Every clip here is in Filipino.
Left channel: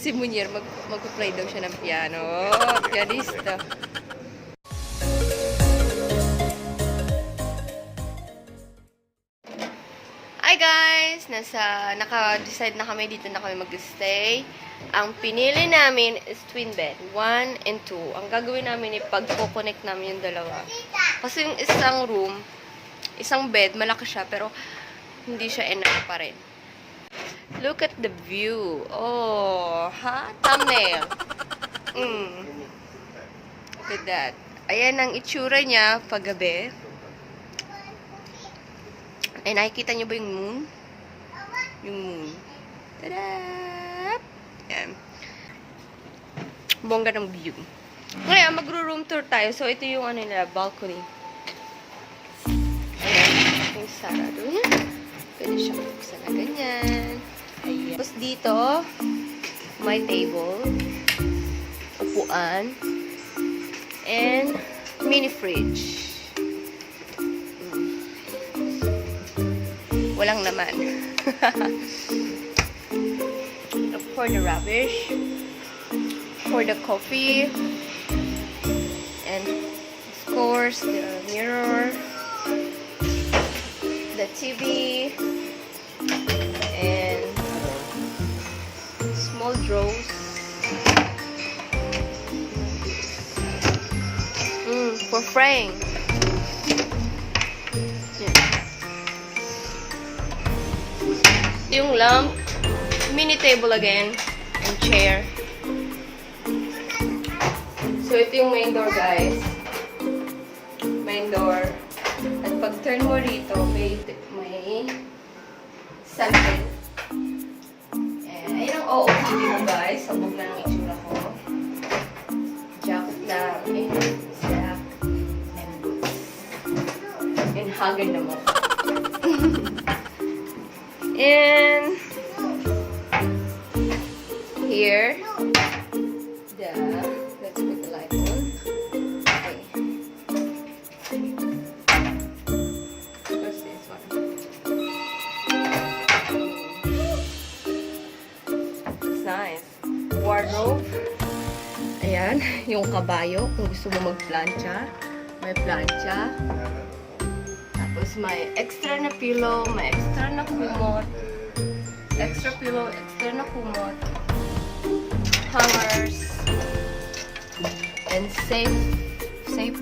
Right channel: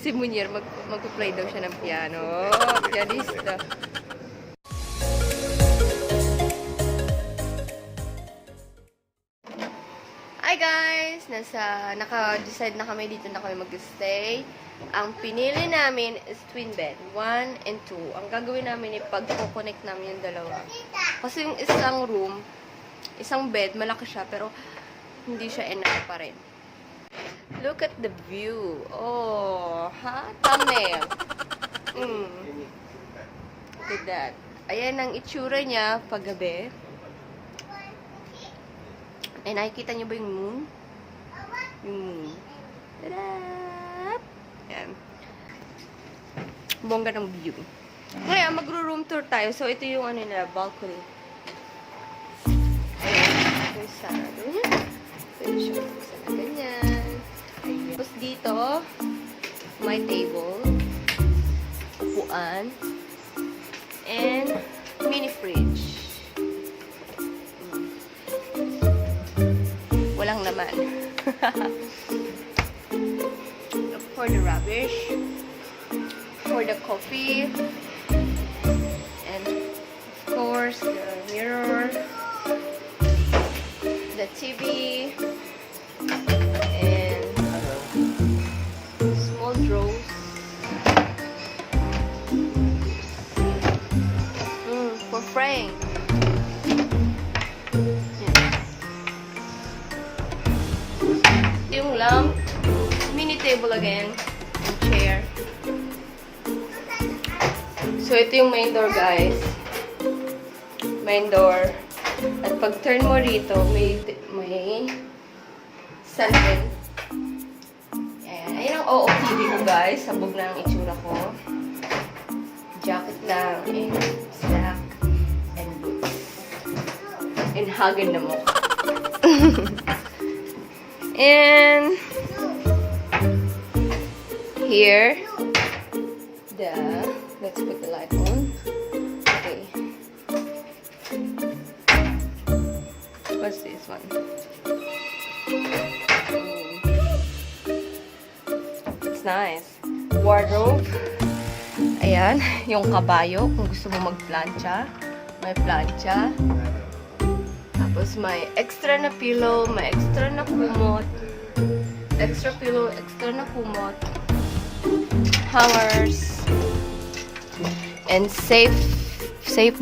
Si Munir, mag-play daw siya ng piano. Pianista. Hi guys! Naka-decide na kami dito na kami mag-stay. Ang pinili namin is twin bed. 1 and 2. Ang gagawin namin ay pag-connect namin yung dalawa. Kasi yung isang room, isang bed, malaki siya, pero hindi siya enough pa rin. Look at the view. Oh, ha? Thumbnail. Look at that. Ayan ang itsura niya paggabi. Ay, nakikita niyo ba yung moon? Yung moon. Tada! Ayan. Bongga ng view. Ngayon, magro-room tour tayo. So, ito yung ano nila, balcony. Ayan. Yung sarado niya. Pwede siya sa na ganyan. Ayan. Tapos dito, may table, upuan, and mini fridge. Walang laman. For the rubbish, for the coffee, and of course the mirror, the TV, and small drawers. For frame. Yung lamp, mini table again, and chair. So, ito yung main door, guys. Main door. At pag turn mo rito, may sunbed. Ayan. Ayan ang OOTD mo, guys. Sabog na ang itsura ko. Jacket lang, and snack, and boots. And hagad na mo. And here, let's put the light on. Okay. What's this one? It's nice. Wardrobe. Ayan, yung kabayo. Kung gusto mo mag-plancha, may plancha. Tapos may extra na pillow, may extra na kumot. Extra pillow, extra na kumot. Hangers. And safe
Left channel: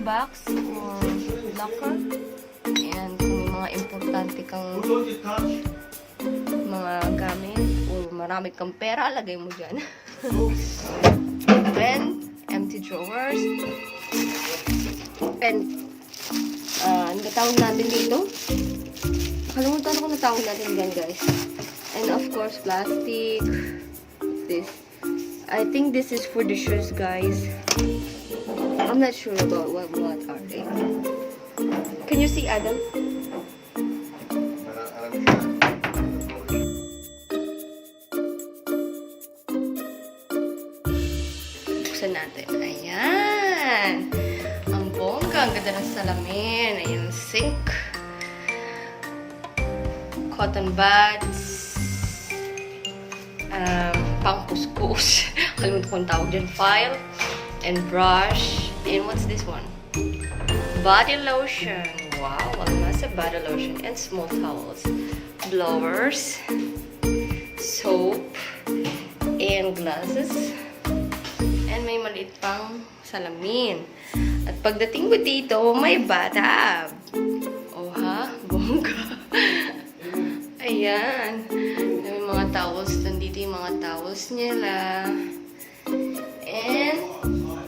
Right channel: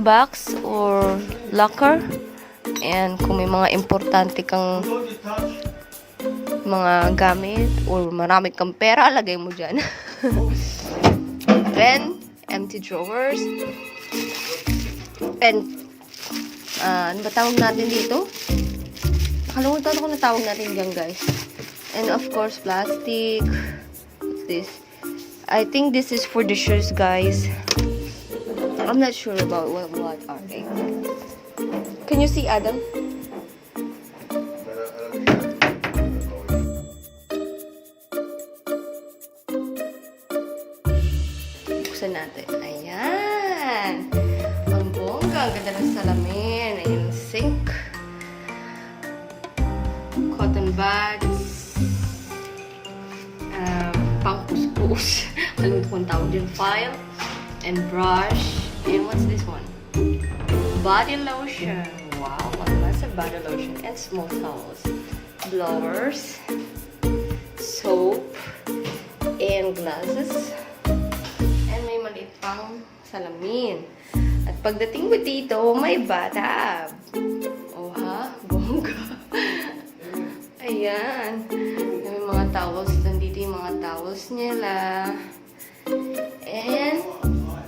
box or locker. And kung may mga importante kang mga gamit or marami kang pera, lagay mo dyan. Then, empty drawers. And ano ba tawag natin dito? Nakalimutan ko na tawag natin dyan, guys. And of course, plastic. What's this? I think this is for the shoes, guys. I'm not sure about what are they. Can you see, Adam? Buksan natin. Ayan! Ang bongga. Ang ganda ng salamin. Ayan, sink. Cotton buds. Pang kuskus. Kalimutan ko ang tawag dyan. File. And brush. And what's this one? Body lotion. Wow, lots of body lotion. And small towels. Blowers. Soap. And glasses. And may maliit pang salamin. At pagdating mo dito, may bathtub. Oh ha? Bongga. Ayan. May mga towels. Nandito yung mga towels nila. And,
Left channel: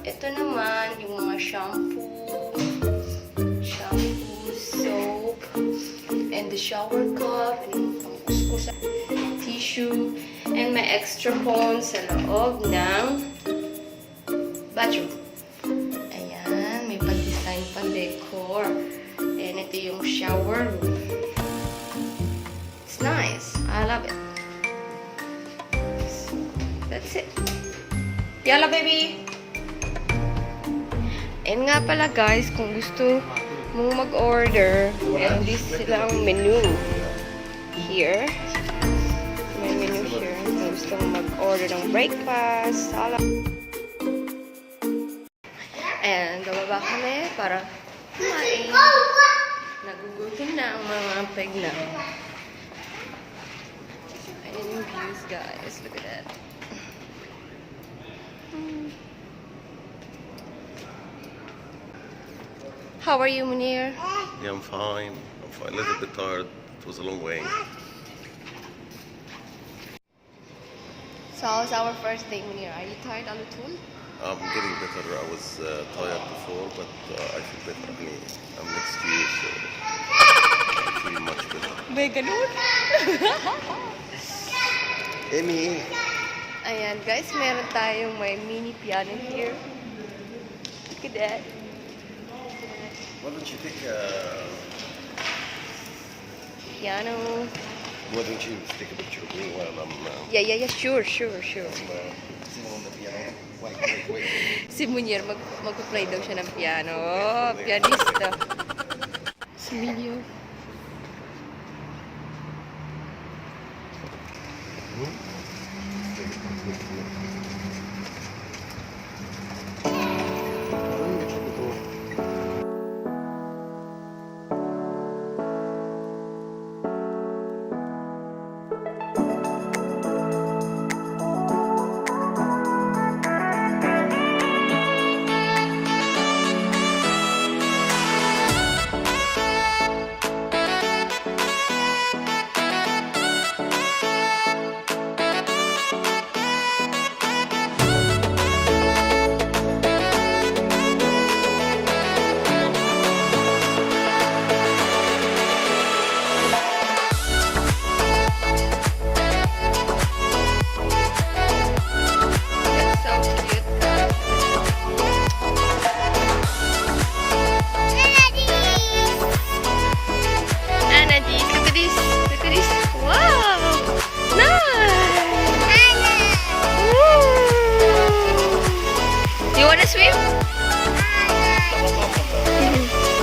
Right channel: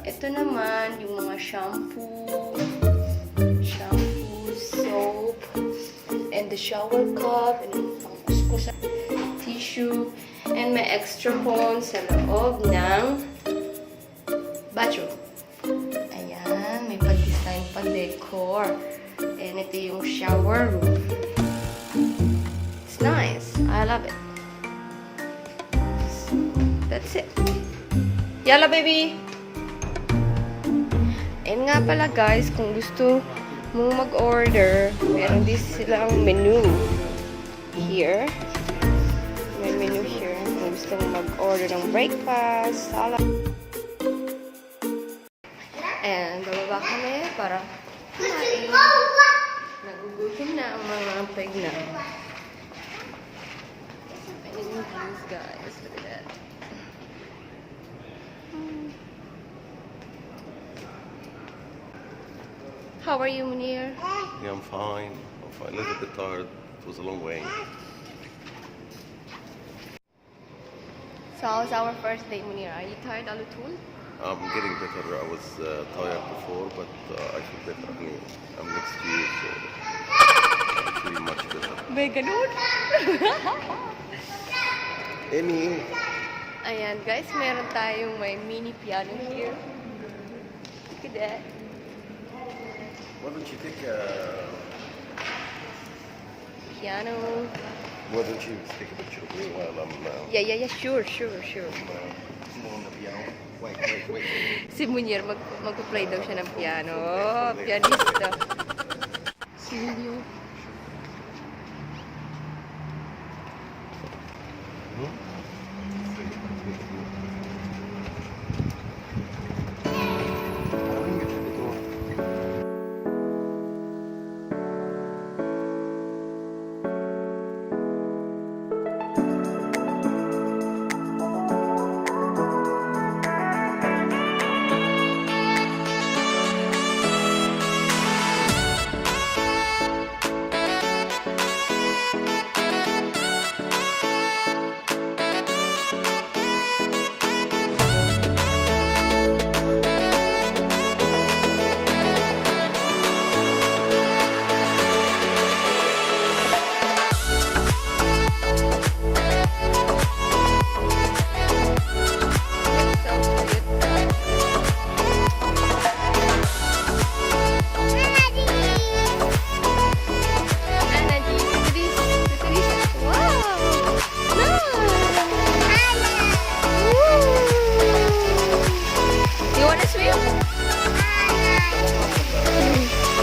ito naman, yung mga shampoo, soap, and the shower cup, and pangkuskusa, tissue, and may extra phone sa loob ng bathroom. Ayan, may pag-design pa decor. And ito yung shower room. It's nice. I love it. So, that's it. Yalla, baby! And nga pala, guys, kung gusto mong mag-order, meron silang menu. Here. May menu here. May gustong mag-order ng breakfast, salad. Ayan, bababa kami para kumain. Nagugutom na ang mga peg na. Ayan yung views, guys. Look at that. How are you, Munir? Yeah, I'm fine. I'm fine. A little bit tired. It was a long way. So, how's our first day, Munir? Are you tired a little? I'm getting better. I was tired before, but I feel better. Honey. I'm next year, so I feel much better. May ganun? Amy! Ayan, guys, meron tayong may mini piano here. Look at that. Why don't you take Piano. Why don't you take a picture of me while I'm Yeah, sure. sitting on the piano? Wait. Si Munir, mag-play daw siya ng piano. Pianista. Si Emilio.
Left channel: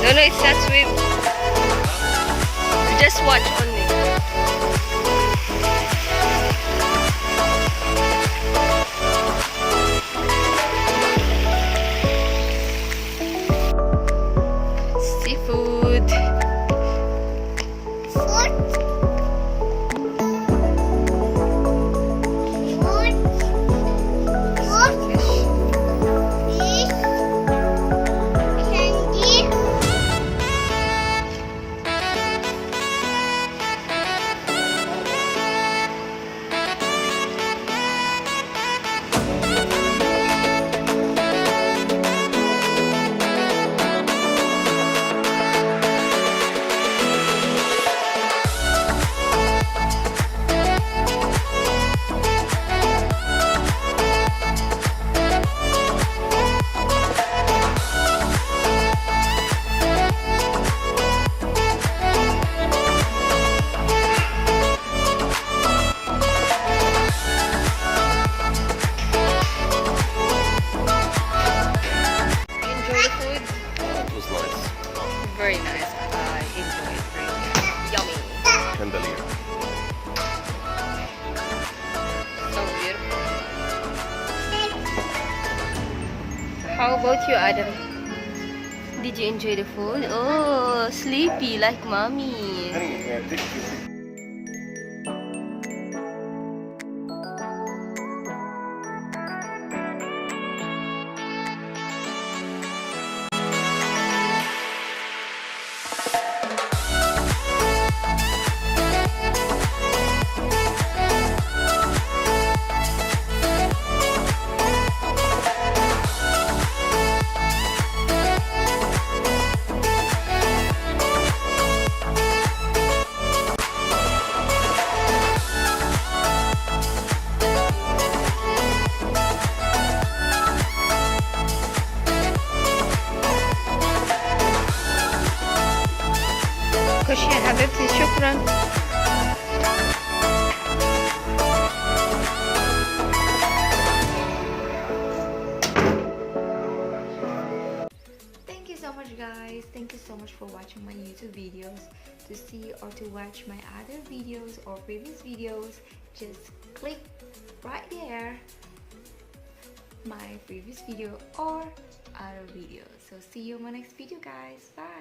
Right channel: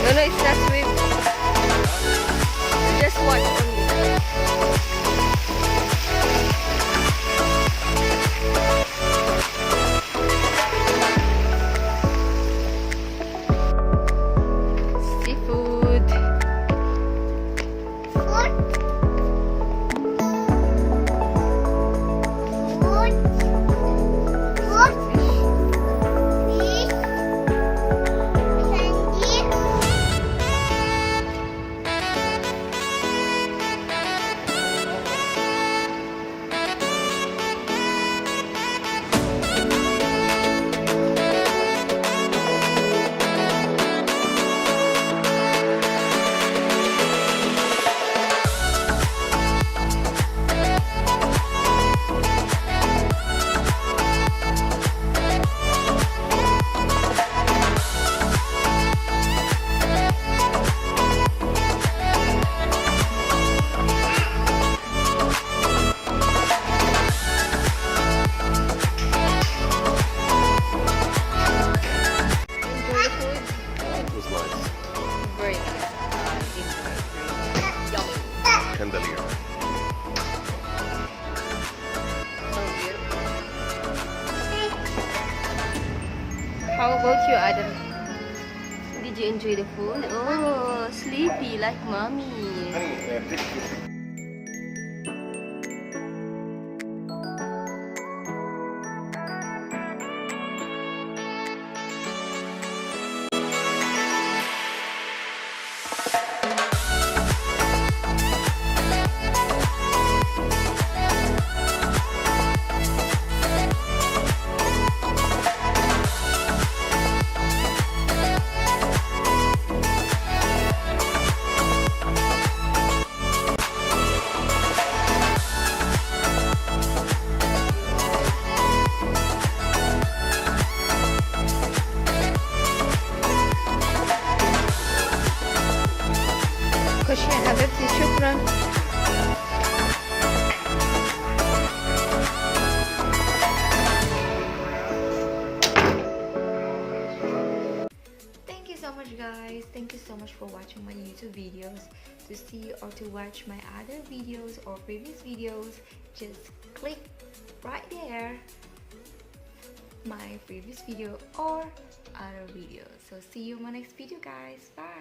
No, it's not swim. Just watch only. Seafood. Very nice. I enjoy it. Really yummy. Candelier. So beautiful. How about you, Adam? Did you enjoy the food? Oh, sleepy like mommy. خشي يا حبيبتي شكرا. Thank you so much, guys. Thank you so much for watching my YouTube videos. To see or to watch my other videos or previous videos, just click right there my previous video or other video. So see you in my next video guys. Bye.